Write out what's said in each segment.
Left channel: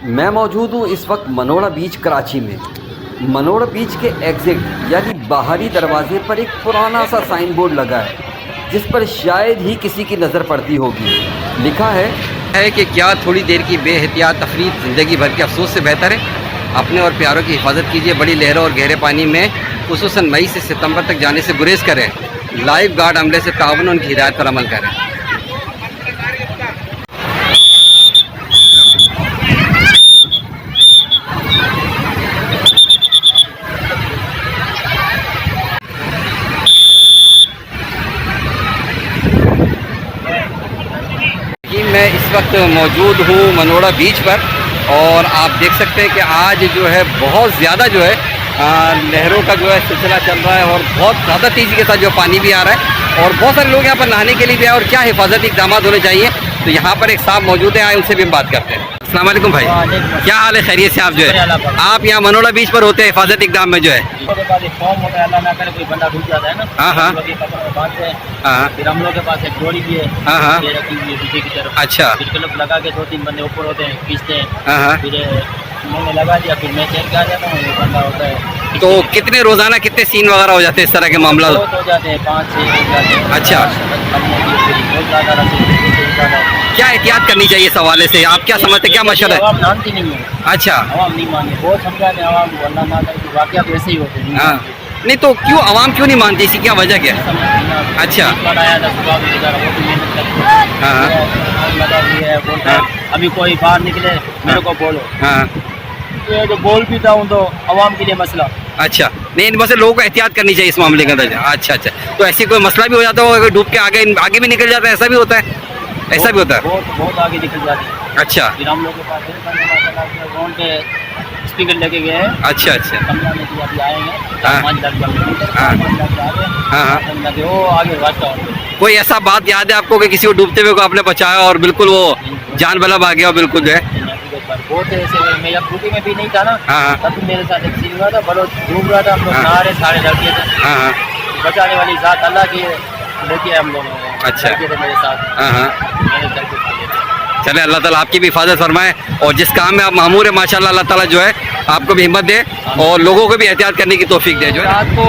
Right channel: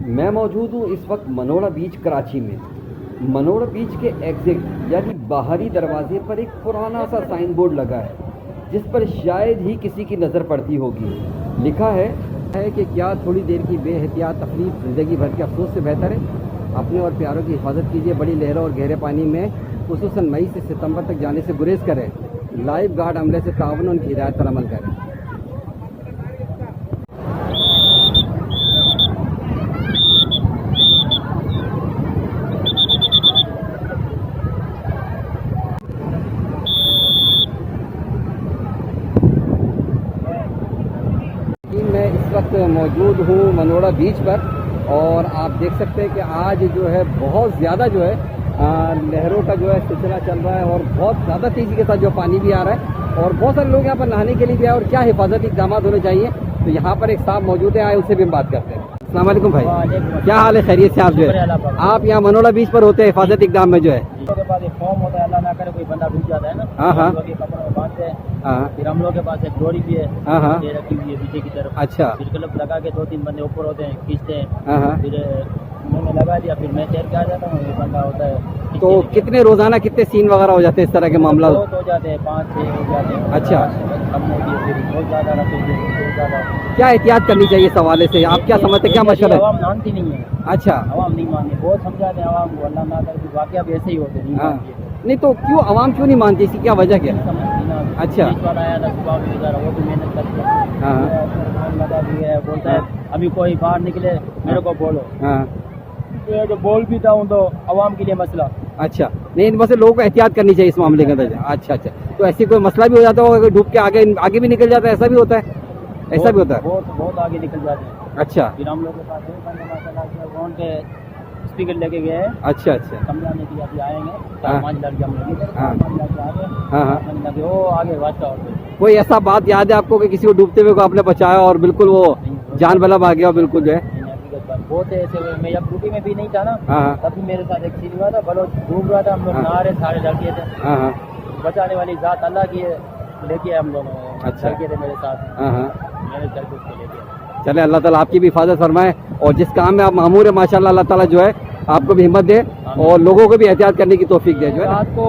मैं मौजूद हूँ इस वक्त मनोड़ा बीच कराची में। मनोड़ा बीच के एग्ज़िट यानी बाहरी दरवाजे पर एक पुराना सा साइन बोर्ड लगा है जिस पर शायद ही किसी की नज़र पड़ती होगी। लिखा है कि क्या थोड़ी देर की बेहतियात तफरीत ज़िंदगी भर के अफसोस से बेहतर है। अपने और प्यारों की हिफाजत कीजिए। बड़ी लहरों और गहरे पानी में खुसूसन मई से सितंबर तक जाने से गुरेज करें। लाइफ गार्ड अमले से ताउन उनकी हिदायत पर अमल करें। मैं इस वक्त मौजूद हूँ मनोड़ा बीच पर और आप देख सकते हैं कि आज जो है बहुत ज़्यादा जो है लहरों का जो है सिलसिला चल रहा है और बहुत ज़्यादा तेज़ी के साथ जो पानी भी आ रहा है और बहुत सारे लोग यहाँ पर नहाने के लिए भी आए और क्या हिफाजती इक़दाम होने चाहिए। तो यहाँ पर एक साहब मौजूद हैं, आए उनसे भी हम बात करते हैं। अस्सलाम वालेकुम भाई, क्या हाल है? खैरियत से? आप जो है आप यहाँ मनोड़ा बीच पर होते हैं हिफाजती इक़दाम में जो है फॉर्म होता है, अल्लाह ना करे कोई बंदा डूब जाता है ना। हाँ हाँ फिर हम लोग के पास एक डोरी भी है, हाँ ये रखी हुई है पीछे की तरफ। अच्छा, फिर क्लब लगा के 2-3 बंदे ऊपर होते हैं, खींचते हैं। हाँ फिर मैंने लगा दिया, फिर मैं तैर के आ जाता हूँ, एक बंदा होता है। तो कितने रोज़ाना कितने सीन वगैरह हो जाते हैं इस तरह के मामला? बहुत हो जाते हैं, 5-6 हो जाते हैं। अच्छा, बहुत ज़्यादा क्या एहतियात करनी चाहिए इस हवाले से? आप क्या समझते हैं, क्या मशवरा है? आवाम मानती नहीं है। अच्छा, आवाम नहीं माने, बहुत समझाते हैं आवाम को, अल्लाह ना करे वाक़या भी ऐसे ही होते हैं। हाँ, नहीं तो क्यों आवाम क्यों नहीं मानती? इसकी क्या वजह क्या है? अच्छा, आया था सुबह में, बेचारा वो भी मेहनत करते हैं। हाँ लगा भी है, बोलता है अभी कोई बाहर निकले मेरे को बोलो। हाँ, ये तो बोल भी था तो आवाम के लिए मसला। अच्छा, नहीं इन वैसे लोगों को एहतियात करनी चाहिए इस मामले के अंदर। अच्छा अच्छा, तो ऐसी कोई मसला भी हो जाता हो अगर डूब के आगे भी निकल जाता है? ऐसा भी होता है? ऐसा भी होता है? बहुत आगे निकल जाते हैं। अच्छा, फिर हम लोग के पास फोन पे स्पीकर लेके गए हैं। अच्छा अच्छा, समझाने के लिए अभी आएंगे। हाँ। 5 लाख हाँ। आगे वो आगे वास्ता और कोई ऐसा बात याद है आपको कि किसी को डूबते हुए को आपने बचाया और बिल्कुल वो जान बला भाग गया बिल्कुल जो है? बहुत ऐसे हुए। मैं जब ड्यूटी में भी नहीं था ना, हाँ तब भी मेरे साथ एक सीन हुआ था। बलोच डूब रहा था, हम लोग नहा रहे, सारे लड़के थे। हाँ, बचाने वाली जात अल्लाह की लेके हम लोग। अच्छा। लड़के थे मेरे साथ, हाँ, मैंने चल के उसको लेके। चले अल्लाह ताला आपकी भी हिफाजत फरमाए और जिस काम में आप मामूर है माशाल्लाह अल्लाह ताला जो है आपको भी हिम्मत दे और लोगों को भी एहतियात करने की तौफीक दे जो है। रात को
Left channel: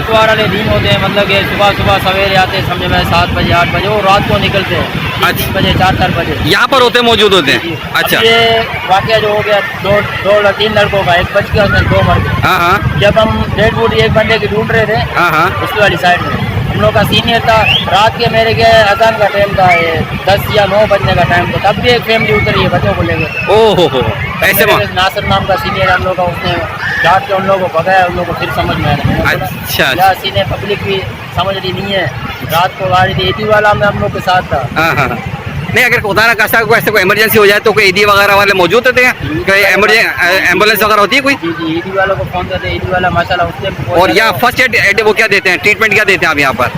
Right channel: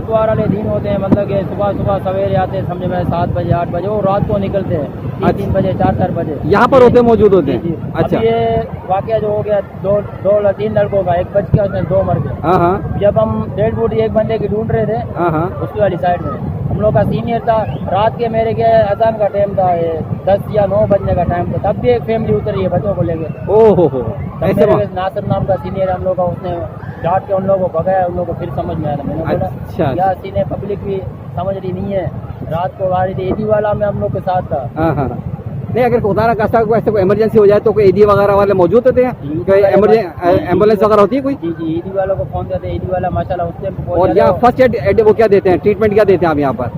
इतवार वाले दिन होते हैं, मतलब कि सुबह सवेरे आते हैं, समझे मैं 7 बजे 8 बजे, वो रात को निकलते हैं 3 बजे 4 बजे यहाँ पर होते मौजूद होते हैं? अच्छा, ये वाकया जो हो गया 3 लड़कों का, एक बच गया, उसमें 2 मर गए। हाँ हाँ जब हम डेड बॉडी एक बंदे की ढूंढ रहे थे हाँ हाँ, उसकी वाली साइड में, हम लोग का सीनियर था। रात के मेरे के अजान का टाइम था, 10 या 9 बजने का टाइम था, तब भी एक फैमिली उतरी है बच्चों को लेकर। ओहो हो, ऐसे नासिर नाम का सीनियर हम लोग का, उसने डांट के उन लोगों को भगाया। उन लोगों को फिर समझ में आया। मैंने बोला अच्छा, यार सीनियर पब्लिक भी समझ रही नहीं है। रात को गाड़ी थी, ईदी वाला में हम लोग के साथ था। हाँ हाँ, नहीं अगर खुदा ना खास्ता कोई ऐसे कोई इमरजेंसी हो जाए तो कोई ईदी वगैरह वाले मौजूद होते हैं? कोई एम्बुलेंस वगैरह होती है कोई? जी जी, ईदी वालों को फोन करते हैं, ईदी वाला माशाल्लाह उससे। और यहाँ फर्स्ट एड वो क्या देते हैं, ट्रीटमेंट क्या देते हैं आप यहाँ पर?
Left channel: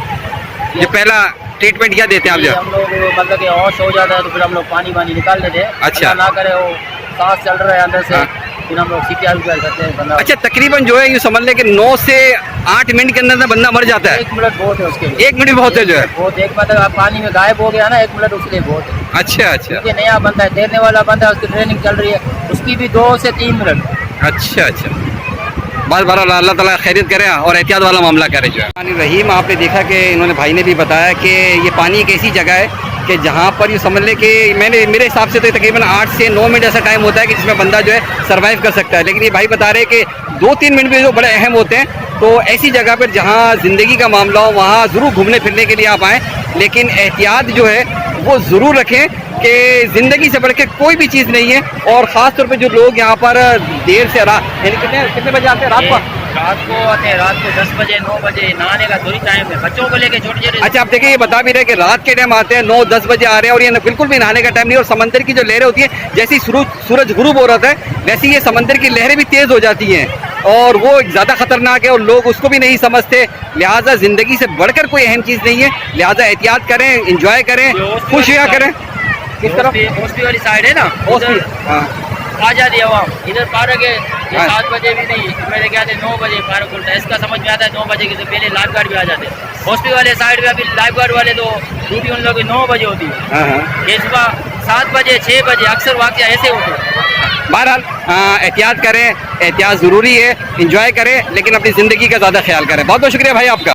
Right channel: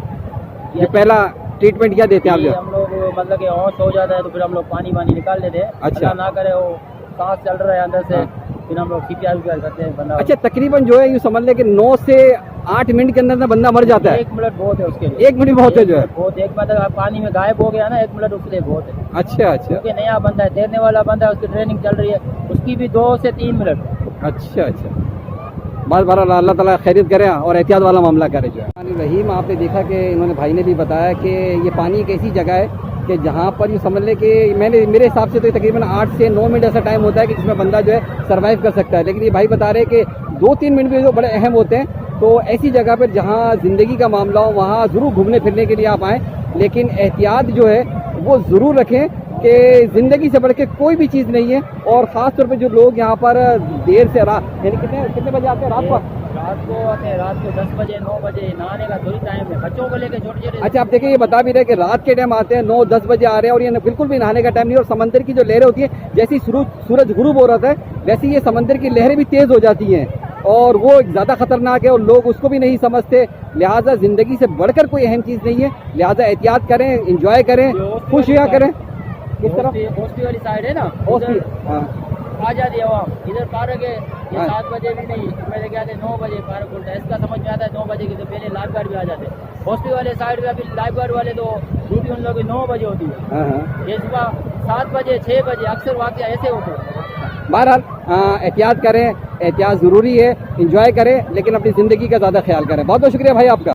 ये पहला ट्रीटमेंट क्या देते हैं आप यहाँ? हम लोग मतलब कि होश हो जाता है तो फिर हम लोग पानी निकाल देते हैं। अच्छा, ना करे वो सांस चल रहा है अंदर से, फिर हम लोग CPR करते हैं बंदा। अच्छा, तकरीबन जो है यूँ समझ लें कि 9 से 8 मिनट के अंदर बंदा मर जाता है? 1 मिनट बहुत है उसके लिए। 1 मिनट बहुत है जो है? बहुत, एक मतलब आप पानी में गायब हो गया ना, 1 मिनट उसके लिए बहुत है। अच्छा अच्छा, क्योंकि नया बंदा है, तैरने वाला बंदा है, उसकी ट्रेनिंग चल रही है, उसकी भी 2 से 3 मिनट। अच्छा अच्छा, बस बहरहाल अल्लाह ताला खैरियत करे और एहतियात वाला मामला करे जो है। रहीम, आपने देखा कि इन्होंने भाई ने भी बताया कि ये पानी एक ऐसी जगह है कि जहाँ पर ये समझ लें कि मेरे हिसाब से तो तकरीबन 8 से 9 मिनट ऐसा टाइम होता है कि जिसमें बंदा जो है सर्वाइव कर सकता है। लेकिन ये भाई बता रहे हैं कि 2-3 मिनट भी जो बड़े अहम होते हैं। तो ऐसी जगह पर जहाँ ज़िंदगी का मामला हो वहाँ ज़रूर घूमने फिरने के लिए आप आएँ, लेकिन एहतियात जो है वो ज़रूर रखें कि ज़िंदगी से बढ़ के कोई भी चीज़ नहीं है। और ख़ास तौर पे जो लोग यहाँ पर देर से यानी कितने बजे आते हैं? रात को आते हैं, रात को 10 बजे 9 बजे। नहाने का थोड़ी टाइम है, बच्चों को लेके छोटे। अच्छा, आप देखिए ये बता भी रहे कि रात के टाइम आते हैं, 9-10 बजे आ रहे हैं और ये बिल्कुल भी नहाने का टाइम नहीं। और समंदर की जो लहरें होती हैं, जैसे ही सूरज गुरूब हो रहा है वैसे ये समंदर की लहरें भी तेज़ हो जाती हैं और वो ज़्यादा ख़तरनाक है और लोग उसको भी नहीं समझते। लिहाजा ज़िंदगी से बढ़कर कोई अहम चीज़ नहीं है। लिहाजा एहतियात करें, इंजॉय करें, खुश रहा करें। किस तरफ? हॉस्पी वाली साइड है ना, आ जाती है आवाम। इधर पार्क है, ये 7 बजे भी नहीं, मेरे क्या 9 बजे पार्क खुलता है। इसका समझ में आता है 9 बजे के से पहले लाइफ गार्ड भी आ जाते हैं। हॉस्पिटल वाले साइड में अभी लाइफ गार्ड वाले तो ड्यूटी उन लोगों की 9 बजे होती है। ये सुबह 7 बजे 6 बजे अक्सर वाक़या ऐसे होते हैं। बहरहाल एहतियात करें, एहतियात ज़रूरी है, इंजॉय करें, लेकिन अपनी ज़िंदगी का ज़्यादा ख्याल करें। बहुत बहुत शुक्रिया भाई आपका।